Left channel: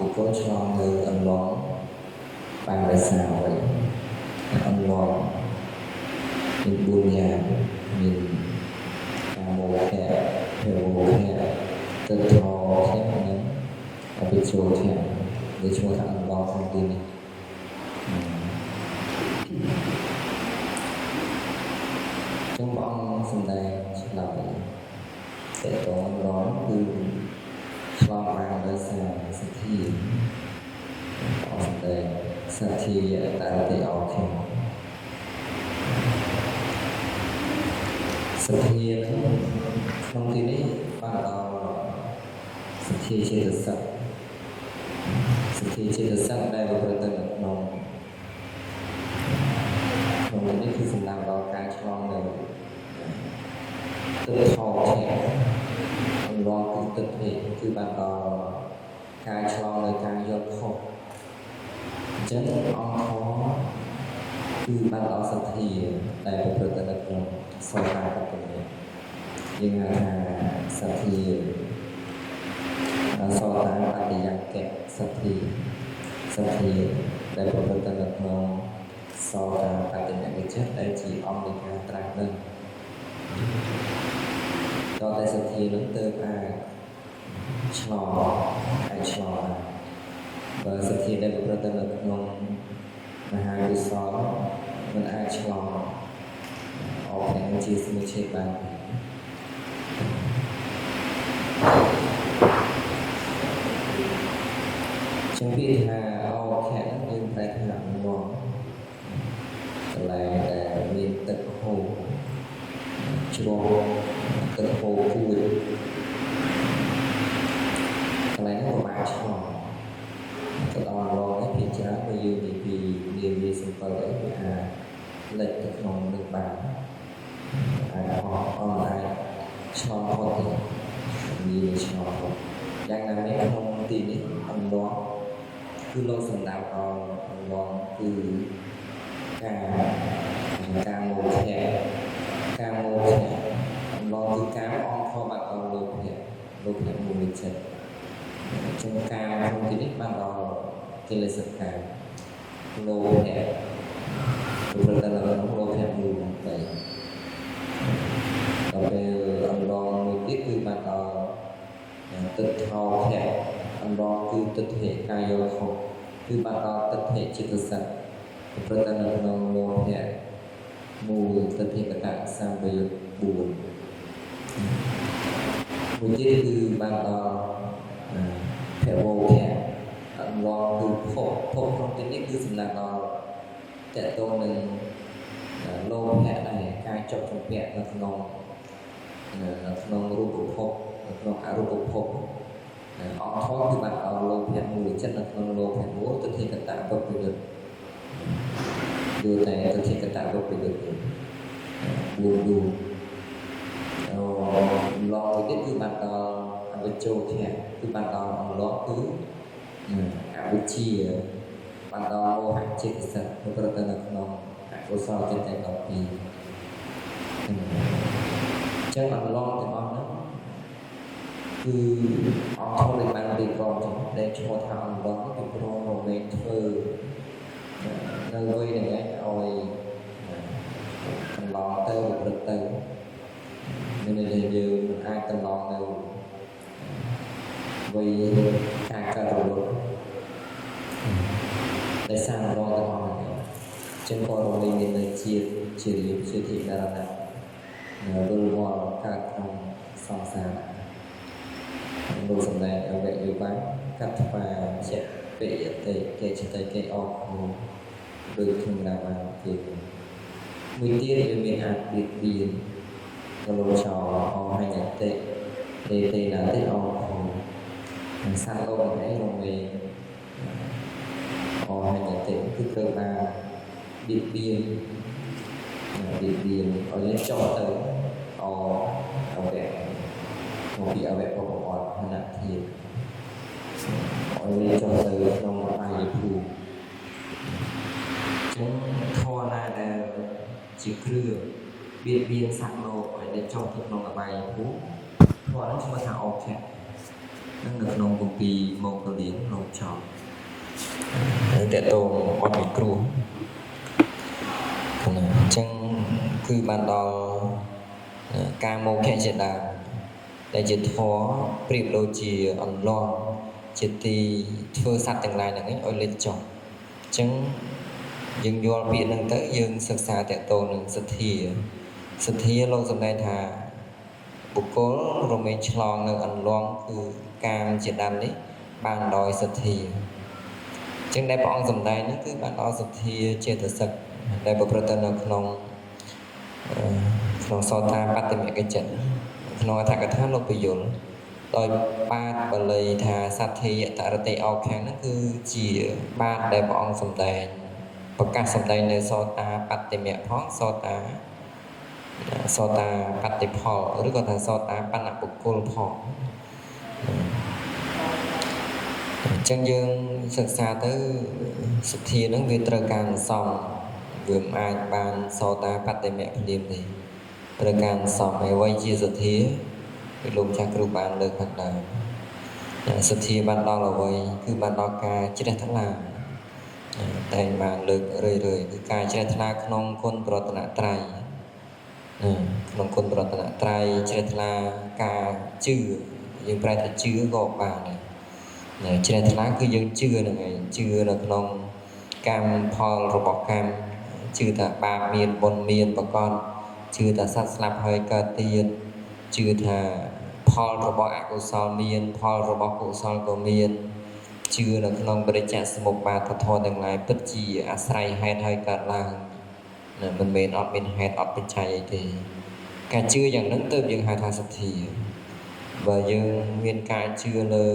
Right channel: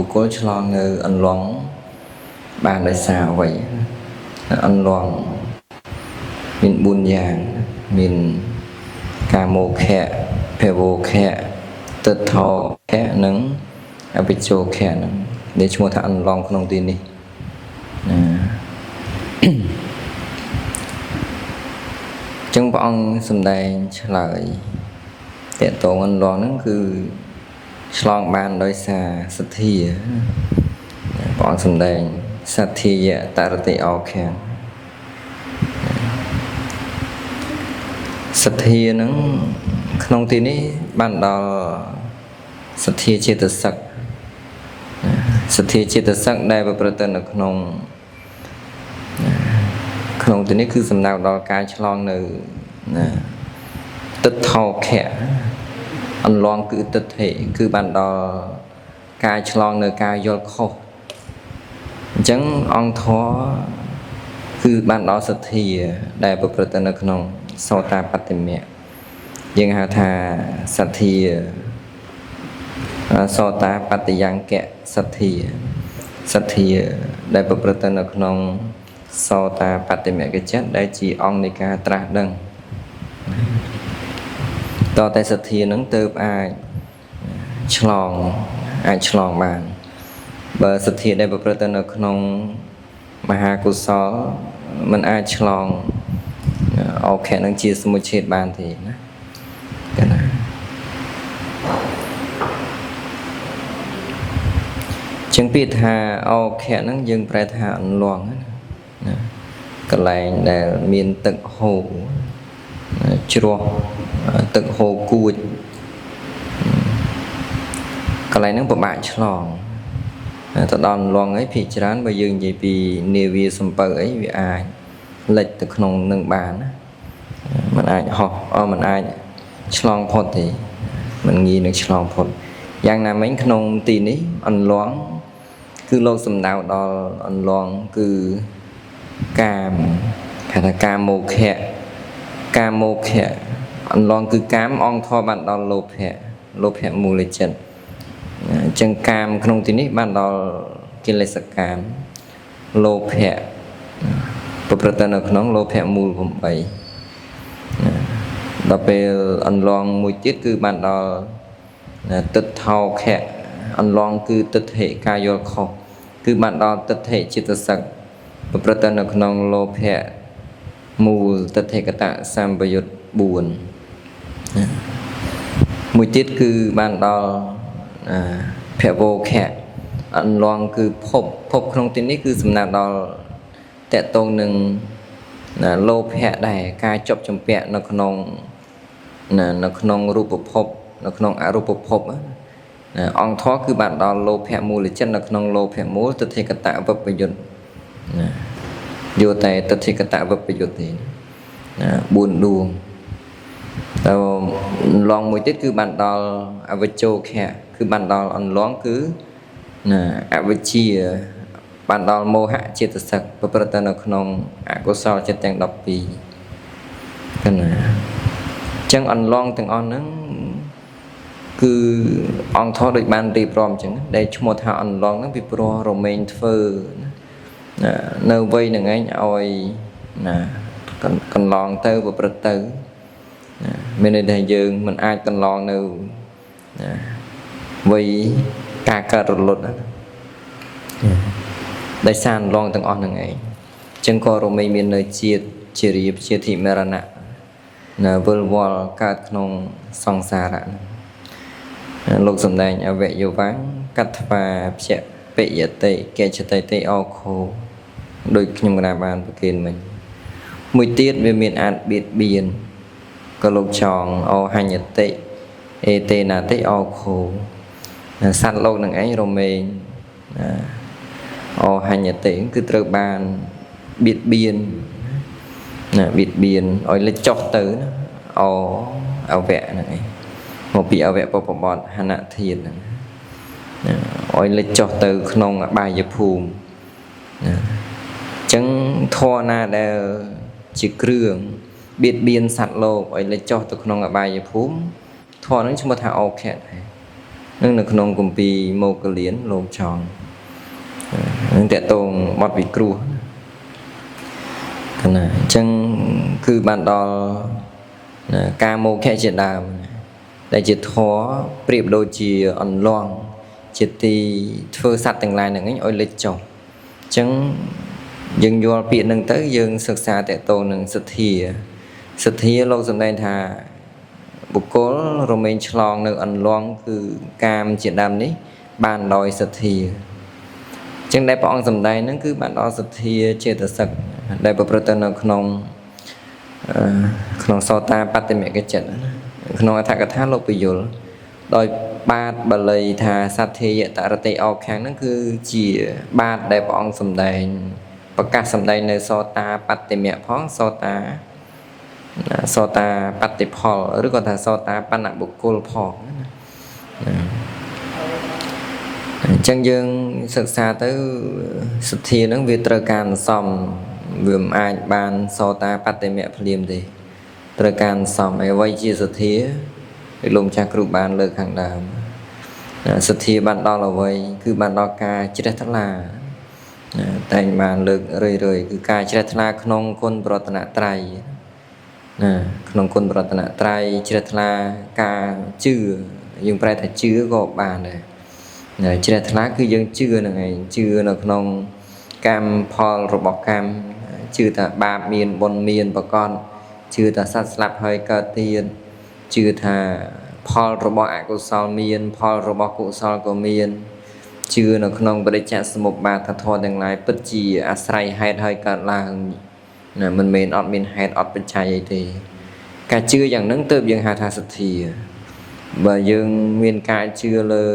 บุคคลឆ្លងនៅអន្លង់បានដោយសារអ្វីអន្លង់មាន4យ៉ាងមានកាមោខៈភវោខៈទិដ្ឋោខៈនិងអវិជ្ជោខៈដែលឈ្មោះថាអន្លង់ក្នុងទីនេះចឹងព្រះអង្គសម្ដែងឆ្លើយតកតងអន្លង់ហ្នឹងគឺឆ្លងបានដោយសារសទ្ធាព្រះអង្គសម្ដែងសទ្ធាយតរតិអោខៈសទ្ធាហ្នឹងក្នុងទីនេះបានដល់សទ្ធាចេតសិកសទ្ធាចេតសិកដែលប្រព្រឹត្តទៅនៅក្នុងទីនេះគឺសំដៅដល់ការឆ្លងនៅទិដ្ឋោខៈអន្លង់គឺទិដ្ឋិគឺបានដល់ការឆ្លងនៅការយល់ខុសអញ្ចឹងអង្គធម៌គឺបានដល់សទ្ធាដែលប្រព្រឹត្តទៅនៅក្នុងសោតាបត្តមៈយើងហៅថាសទ្ធាសោតាបត្តយ៉ាងកៈសទ្ធាដែលប្រព្រឹត្តទៅនៅក្នុងសោតាបត្តមគ្គចិត្តដែលជាអង្គនៃការត្រាស់ដឹងតតែសទ្ធានឹងទៅអាចឆ្លងបានបើសទ្ធាដែលប្រព្រឹត្តទៅនៅក្នុងមហាកុសលมันអាចឆ្លងអោខៈនឹងជាសមុច្ឆេទបានទេណាកណាចឹងពាក្យថាអោខៈហ្នឹងយើងប្រែថាអន្លង់ណាកន្លែងដែលមានទឹកហូរជ្រោះទឹកហូរគួចកន្លែងហ្នឹងពិបាកឆ្លងទៅដល់អន្លង់អីភាគច្រើនបើយើងនិយាយពីនាវាសំពៅអីវាអាចលិចទៅក្នុងនឹងបានណាมันអាចហោះมันអាចឆ្លងផុតទេมันងាយនឹងឆ្លងផុតយ៉ាងណាមិញក្នុងទីនេះអន្លង់គឺលោកសំដៅដល់អន្លង់គឺកាមហៅថាកាមោខៈអន្លង់គឺកាមអង្គធម៌បានដល់លោភៈមូលចិត្តអញ្ចឹងកាមក្នុងទីនេះបានដល់កិលេសកាមលោភៈប្រព្រឹត្តនៅក្នុងលោភៈមូល8ដល់ពេលអន្លង់មួយទៀតគឺបានដល់ទិដ្ឋោខៈអន្លង់គឺទិដ្ឋិការយល់ខុសគឺបានដល់ទិដ្ឋិចិត្តសឹកប្រព្រឹត្តនៅក្នុងលោភៈមូលទិដ្ឋិកតសម្បយុត្ត4មួយទៀតគឺបានដល់ភវោខៈអន្លង់គឺភពក្នុងទីនេះគឺសំដៅដល់តកតងនឹងលោភៈដែរការជាប់ចម្ពាក់នៅក្នុងរូបភពនៅក្នុងអរូបភពអង្គធម៌គឺបានដល់លោភៈមូលចិត្តនៅក្នុងលោភៈមូលទិដ្ឋិកតវិបយុត្តយកតែទិដ្ឋិកតវិបយុត្តទេ4ដួងទៅអន្លង់មួយទៀតគឺបានដល់អវិជ្ជោខៈគឺបានដល់អន្លង់គឺអវិជ្ជាបានដល់មោហៈចេតសិកប្រព្រឹត្តទៅនៅក្នុងអកុសលចិត្តទាំង12កណាចឹងអន្លង់ទាំងអស់ហ្នឹងគឺអង្គធម៌ដូចបានរៀបរាប់អញ្ចឹងដែលឈ្មោះថាអន្លង់ហ្នឹងពីព្រោះរមែងធ្វើនៅវ័យហ្នឹងឯងឲ្យកន្លងទៅប្រព្រឹត្តទៅមានន័យថាយើងមិនអាចកន្លងនៅវ័យការកើតរលត់ដោយសារអន្លង់ទាំងអស់ហ្នឹងឯងអញ្ចឹងក៏រមែងមាននៅជាតិជារៀបជាធិមរណៈនៅវិលវល់កើតក្នុងសង្សារៈលោកសំដែងអវយវੰកត្វាភៈបយតិកេចតិតិអោខោដូចខ្ញុំកណាបានប្រកេនមិញមួយទៀតវាមានអាចបៀតបៀនក៏លោកចងអហញ្ញតិអេតេណាតិអោខោសត្វលោកនឹងឯងរមែងអហញ្ញតិគឺត្រូវបានបៀតបៀនឲ្យលិចចុះទៅអវៈហ្នឹងឯងមកពីអវៈបពបតហនធាតុហ្នឹងឲ្យលិចចុះទៅក្នុងអបាយភូមិអញ្ចឹងធម៌ណាដែលជាគ្រឿងបៀតបៀនសត្វលោកឲ្យលិចចុះទៅក្នុងអបាយភូមិធម៌ហ្នឹងឈ្មោះថាអោខៈ នឹងនៅក្នុងគម្ពីរមកលៀនលោកចង់នឹងតកតងបទវិគ្រោះណាអញ្ចឹងគឺបានដល់ការមកខៈជាដើមដែលជាធម៌ប្រៀបដូចជាអន្លង់ជាទីធ្វើសត្វទាំងឡាយហ្នឹងឲ្យលេចចុះអញ្ចឹងយើងយល់ពាក្យហ្នឹងទៅយើងសិក្សាតកតងនឹងសទ្ធាលោកសម្ដែងថាបុគ្គលរមែងឆ្លងនៅអន្លង់គឺកាមជាដើមនេះបានដោយសទ្ធាអញ្ចឹងដែលព្រះអង្គសម្ដែងហ្នឹងគឺបានដល់សទ្ធាចេតសិកដែលប្រព្រឹត្តទៅនៅក្នុងសោតាបត្តមគ្គចិត្តក្នុងអត្ថកថាលោកពយល់ដោយបាតបាលីថាសទ្ធាយតរតិអោខាងហ្នឹងគឺជាបាតដែលព្រះអង្គសម្ដែងប្រកាសសម្ដែងនៅសោតាបត្តមគ្គផងសោតាបត្តិផលឬក៏ថាសោតាបណ្ណបុគ្គលផងអញ្ចឹងយើងសិក្សាទៅសទ្ធាហ្នឹងវាត្រូវការសំវាមិនអាចបានសោតាបត្តមគ្គភ្លាមទេត្រូវការសំអ្វីជាសទ្ធាដូចលោកម្ចាស់គ្រូបានលើកខាងដើមសទ្ធាបានដល់អ្វីគឺបានដល់ការជ្រះថ្លាតែងបានលើករឿយគឺការជ្រះថ្លាក្នុងគុណប្រតនត្រ័យក្នុងគុណប្រតនត្រ័យជ្រះថ្លាការជឿយើងប្រែថាជឿក៏បានដែរជ្រះថ្លាគឺយើងជឿហ្នឹងឯងជឿនៅក្នុងកម្មផលរបស់កម្មជឿថាបាបមានបុណ្យមានប្រកបជឿថាសត្វស្លាប់ហើយកើតទៀតជឿថាផលរបស់អកុសលមានផលរបស់កុសលក៏មានជឿនៅក្នុងបរិច្ចាសមុពបាតធម៌ទាំងឡាយពិតជាអាស្រ័យហេតុហើយកើតឡើងមិនមែនអត់មានហេតុអត់បច្ច័យអីទេការជឿយ៉ាងហ្នឹងទើបយើងហៅថាសទ្ធាបើយើងមានការជឿលើ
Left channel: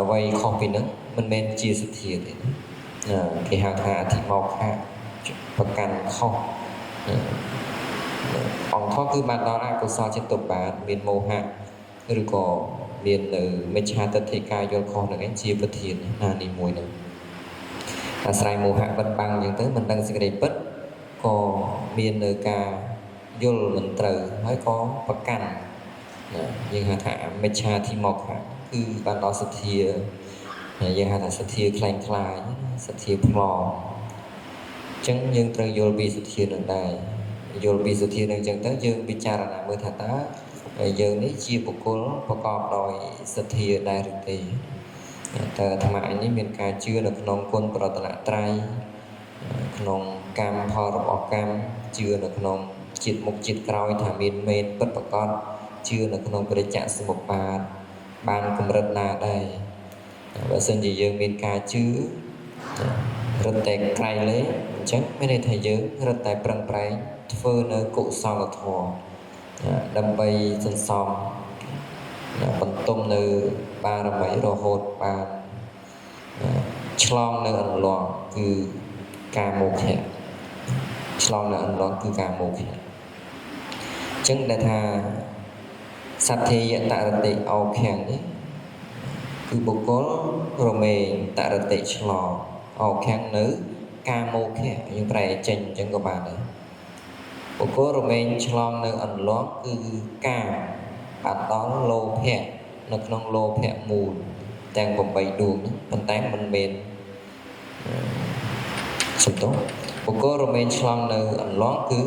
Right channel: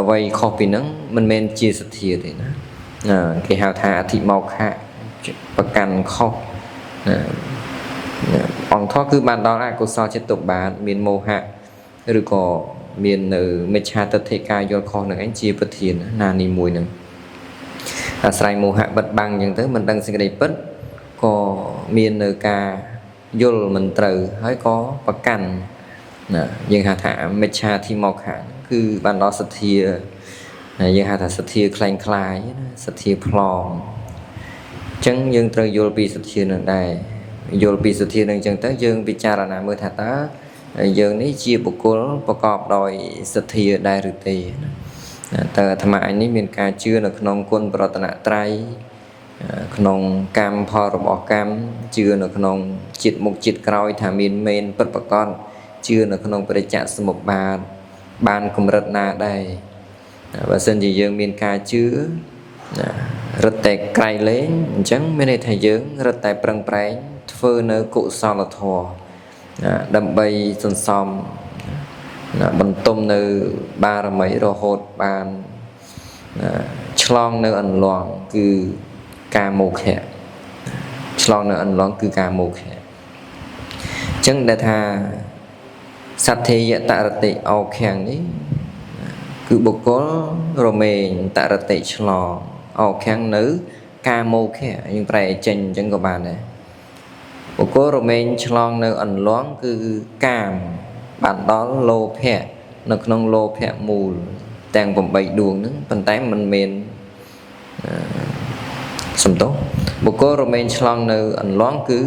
អ្វីខុសពីហ្នឹងមិនមែនជាសទ្ធាទេណាគេហៅថាអធិមោខៈប្រកាន់ខុសអង្គធម៌គឺបានដល់អកុសលចិត្តបាតមានមោហៈឬក៏មាននៅមិច្ឆាទិដ្ឋិការយល់ខុសនឹងឯងជាប្រធានណានីមួយហ្នឹងអាស្រ័យមោហៈបិទបាំងអញ្ចឹងទៅមិនដឹងសេចក្តីពិតក៏មាននៅការយល់មិនត្រូវហើយក៏ប្រកាន់យើងហៅថាមិច្ឆាធិមោខៈគឺបានដល់សទ្ធាយើងហៅថាសទ្ធាคล้ายសទ្ធាប្លង់អញ្ចឹងយើងត្រូវយល់ពីសទ្ធានឹងដែរយល់ពីសទ្ធានឹងអញ្ចឹងទៅយើងពិចារណាមើលថាតើយើងនេះជាបុគ្គលប្រកបដោយសទ្ធាដែរឬទេតើអាត្មាអញនេះមានការជឿនៅក្នុងគុណប្រតនត្រ័យក្នុងកម្មផលរបស់កម្មជឿនៅក្នុងចិត្តមុខចិត្តក្រោយថាមានមែនពិតប្រាកដជឿនៅក្នុងបរិច្ចាសមុពបាទបានកម្រិតណាដែរបើសិនជាយើងមានការជឿរត់តែក្រៃលែងអញ្ចឹងមានន័យថាយើងរត់តែប្រឹងប្រែងធ្វើនៅកុសលធម៌ដើម្បីសន្សំបន្ទុំនៅបារមីរហូតបានឆ្លងនៅអន្លង់គឺការមោខៈឆ្លងនៅអន្លង់គឺការមោខៈអញ្ចឹងដែលថាសទ្ធាយតរតិអោខាំងនេះគឺបុគ្គលរមែងតរតិឆ្លងអោខាំងនៅការមោខៈយើងប្រែចេញអញ្ចឹងក៏បានដែរបុគ្គលរមែងឆ្លងនៅអន្លង់គឺកាមបានដល់លោភៈនៅក្នុងលោភៈមូលទាំង8ដួងហ្នឹងប៉ុន្តែមិនមែនសំទោសបុគ្គលរមែងឆ្លងនៅអន្លង់គឺ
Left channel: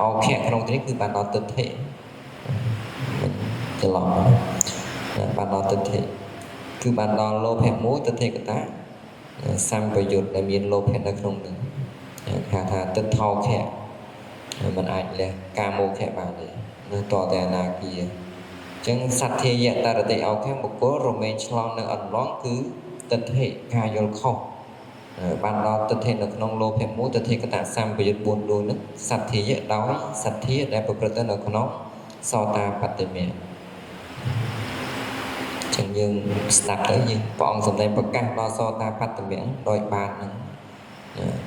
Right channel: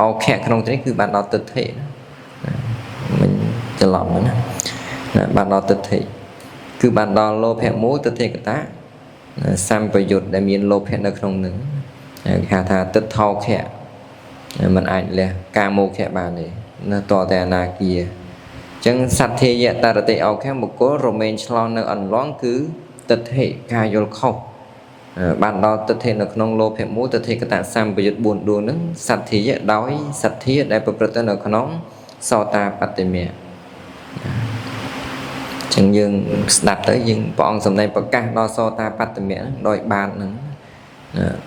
អោខៈក្នុងទីនេះគឺបានដល់ទិដ្ឋិមិនច្រឡំណាបានដល់ទិដ្ឋិគឺបានដល់លោភៈមូលទិដ្ឋិកតៈសម្បយុទ្ធដែលមានលោភៈនៅក្នុងនឹងគេហៅថាទិដ្ឋោខៈมันអាចលះការមោខៈបានទេនៅតតែអនាគាអញ្ចឹងសទ្ធាយតរតិអោខៈបុគ្គលរមែងឆ្លងនៅអន្លង់គឺទិដ្ឋិការយល់ខុសបានដល់ទិដ្ឋិនៅក្នុងលោភៈមូលទិដ្ឋិកតសម្បយុទ្ធ4ដួងហ្នឹងសទ្ធាយដោយសទ្ធាដែលប្រព្រឹត្តទៅនៅក្នុងសោតាបត្តមគ្គចឹងយើងស្ដាប់ទៅយើងព្រះអង្គសម្ដែងប្រកាសដល់សោតាបត្តមគ្គដោយបានហ្នឹង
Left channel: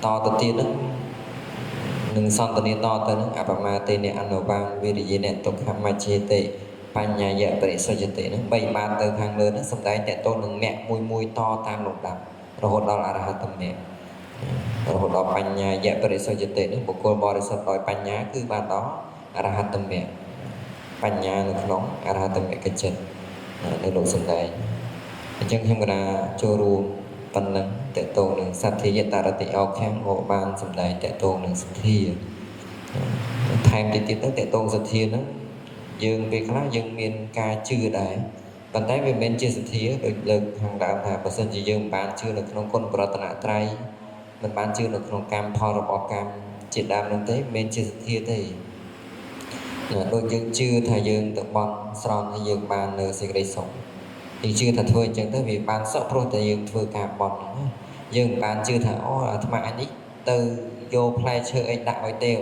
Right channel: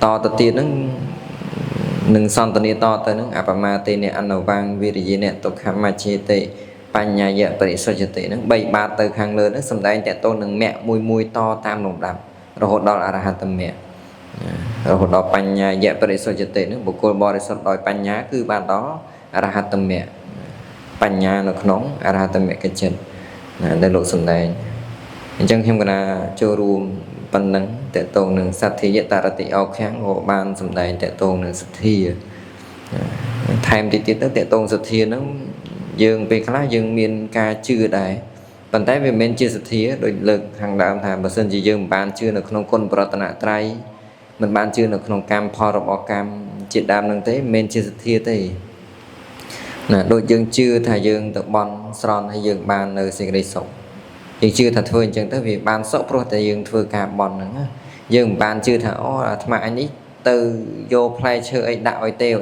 តទៅទៀតហ្នឹងនឹងសន្តានាតទៅហ្នឹងអបមាទេនអនុវាងវិរិយេនទុក្ខមច្ឆេតិបញ្ញាយបរិសុទ្ធតិហ្នឹង3បាតទៅខាងលើហ្នឹងសម្ដែងតទៅនឹងមគ្គមួយតតាមលំដាប់រហូតដល់អរហត្តមគ្គរហូតដល់បញ្ញាយបរិសុទ្ធតិហ្នឹងបុគ្គលបរិសុទ្ធដោយបញ្ញាគឺបានដល់អរហត្តមគ្គបញ្ញានៅក្នុងអរហត្តមគ្គចិត្ត ដែលលោកសំដែងអញ្ចឹងខ្ញុំកណាចូលរួមប៉ុណ្ណឹងតកតងនឹងសទ្ធាយតរតិអោខាំងក៏បានសំដែងតកតងនឹងសទ្ធាថែមទៀតទៅតកតងសទ្ធាហ្នឹងយើងពេលខ្លះយើងមានការជឿដែរប៉ុន្តែវាមិនមែនជាសទ្ធាដូចលើកខាងដើមថាបើសិនជាយើងមិនបានជឿនៅក្នុងគុណប្រតនត្រ័យមិនបានជឿនៅក្នុងកម្មផលរបស់កម្មជាដើមនឹងទេមិនមែនជាសទ្ធាទេណាដូចយើងជឿថាយើងទៅបន់ស្រន់ហើយយើងបាននៅសេចក្តីសុខយើងជឿថាធ្វើអញ្ចឹងទៅវាបានសុខព្រោះតែយើងធ្វើការបន់ហ្នឹងយើងមិនបានជឿថាអូអាត្មាអញនេះទៅយកផ្លែឈើអីដាក់ឲ្យទេវ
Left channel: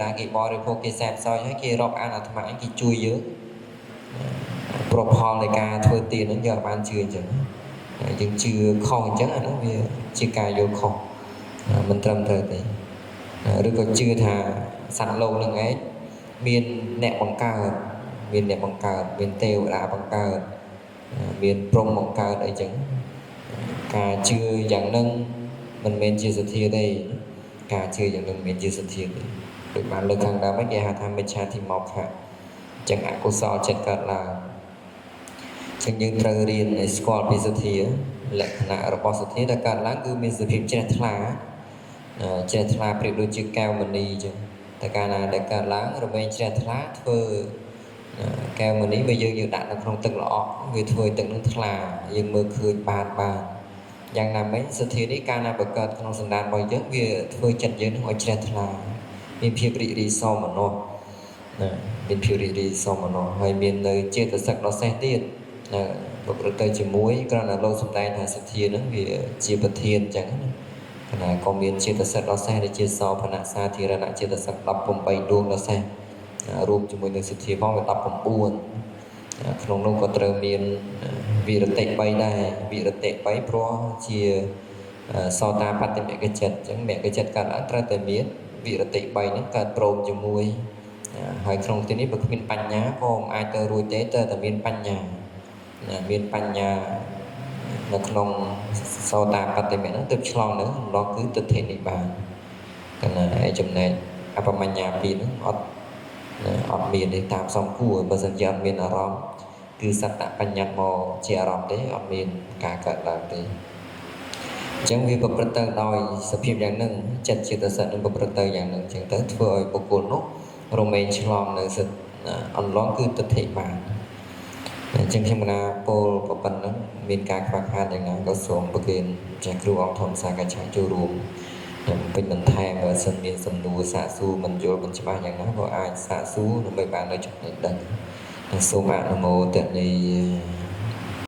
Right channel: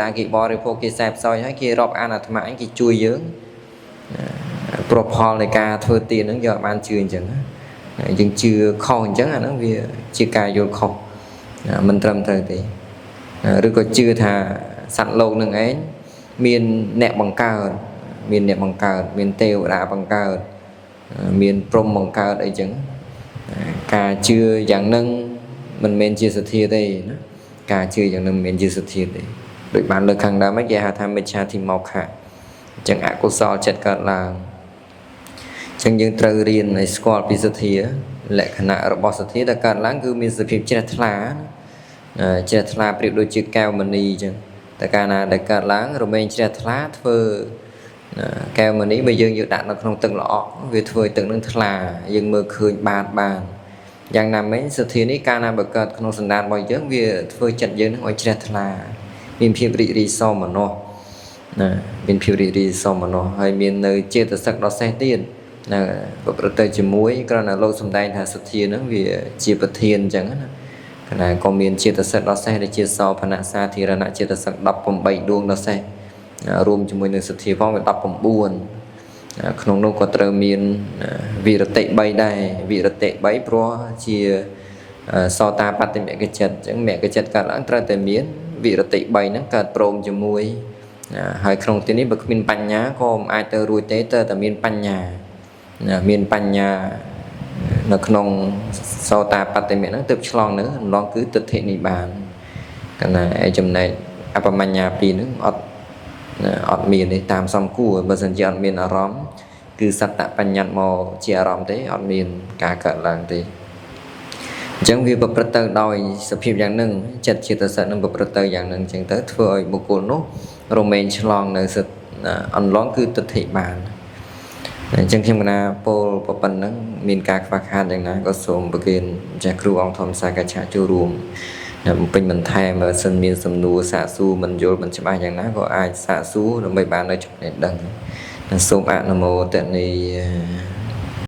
តាគេបរិភោគគេសែបសោយហើយគេរាប់អានអាត្មាអញគេជួយយើងប្រផលនៃការធ្វើទានហ្នឹងយើងអាចបានជឿអញ្ចឹងយើងជឿខុសអញ្ចឹងអាហ្នឹងវាជាការយល់ខុសមិនត្រឹមត្រូវទេឬក៏ជឿថាសត្វលោកនឹងឯងមានអ្នកបង្កើតមានទេវតាបង្កើតមានព្រំបង្កើតអីចឹងការជឿយ៉ាងហ្នឹងមិនមែនជាសទ្ធាទេណាការជឿយ៉ាងហ្នឹងមិនមែនជាសទ្ធាទេដូចបានលើកខាងដើមគេហៅថាមិច្ឆាធិមោខៈអញ្ចឹងអកុសលចិត្តកើតឡើងអញ្ចឹងយើងត្រូវរៀនឲ្យស្គាល់ពីសទ្ធាលក្ខណៈរបស់សទ្ធាដែលកើតឡើងគឺមានសភាពជ្រះថ្លាប្រៀបដូចជាកែវមณีអញ្ចឹងតែកាលណាដែលកើតឡើងរមែងជ្រះថ្លាធ្វើកែវមณีបើយើងយកដាក់នៅក្នុងទឹកល្អក់វាធ្វើឲ្យទឹកនឹងថ្លាយើងមើលឃើញបានយ៉ាងណាមិញសទ្ធានេះកាលណាបើកើតក្នុងសន្តានរបស់យើងវាធ្វើចិត្តយើងនឹងឲ្យជ្រះថ្លាមានភាពរីករាយសោមនស្សណាមានភាពរីករាយសោមនស្សហើយមាននៅចេតសិកដ៏សេះទៀតណាប្រព្រឹត្តទៅជាមួយគ្រាន់តែលោកសំដែងថាសទ្ធានឹងវាជាប្រធានអញ្ចឹងណាគណៈក៏មានចេតសិកដ៏សេះដែលជាសោភណសាធារណៈចេតសិក18ដួងដ៏សេះរួមជាមួយនឹងសទ្ធាផងវា19ក្នុងនោះក៏ត្រូវមានវិរតិ3ដែរវិរតិ3ព្រោះជាសោតាបត្តិមគ្គចិត្តអញ្ចឹងមគ្គចិត្តកើតឡើងត្រូវតែមានវិរតិ3ហ្នឹងកើតព្រមជាមួយហើយក្នុងទីនេះបើគ្មានបញ្ញាក៏មិនអាចទៅរួចទេតើតែមានបញ្ញានៅក្នុងសោតាបត្តិមហ្នឹងទើបឆ្លងនឹងរំលងគឺទិដ្ឋិនិបានកណ្ណាឯចំណែកអបមញ្ញា2ហ្នឹងអត់មានទេតាមសំគួរបើសិនជាអត់មានអារម្មណ៍គឺសត្តបញ្ញត្តិមកជាអារម្មណ៍ទេអត់មានការកើតឡើងទេអញ្ចឹងវាប្រព្រឹត្តទៅដោយសភាពយ៉ាងហ្នឹងចិត្តចេតសិកនឹងប្រព្រឹត្តទៅយ៉ាងហ្នឹងអញ្ចឹងទៅធ្វើឲ្យបុគ្គលនោះរមែងឆ្លងនៅសិទ្ធអន្លងគឺទិដ្ឋិបានអញ្ចឹងខ្ញុំកណាពោលប៉ុណ្ណឹងមានការខ្វះខាតយ៉ាងណាក៏សូមប្រគេនចាស់គ្រូអង្គធម្មសាកឆាចូលរួមបំពេញបន្ថែមបើសិនមានសំណួរសាកសួរមិនយល់មិនច្បាស់យ៉ាងណាក៏អាចសាកសួរដើម្បីបាននៅចំណេះដឹងសូមអនុមោទនា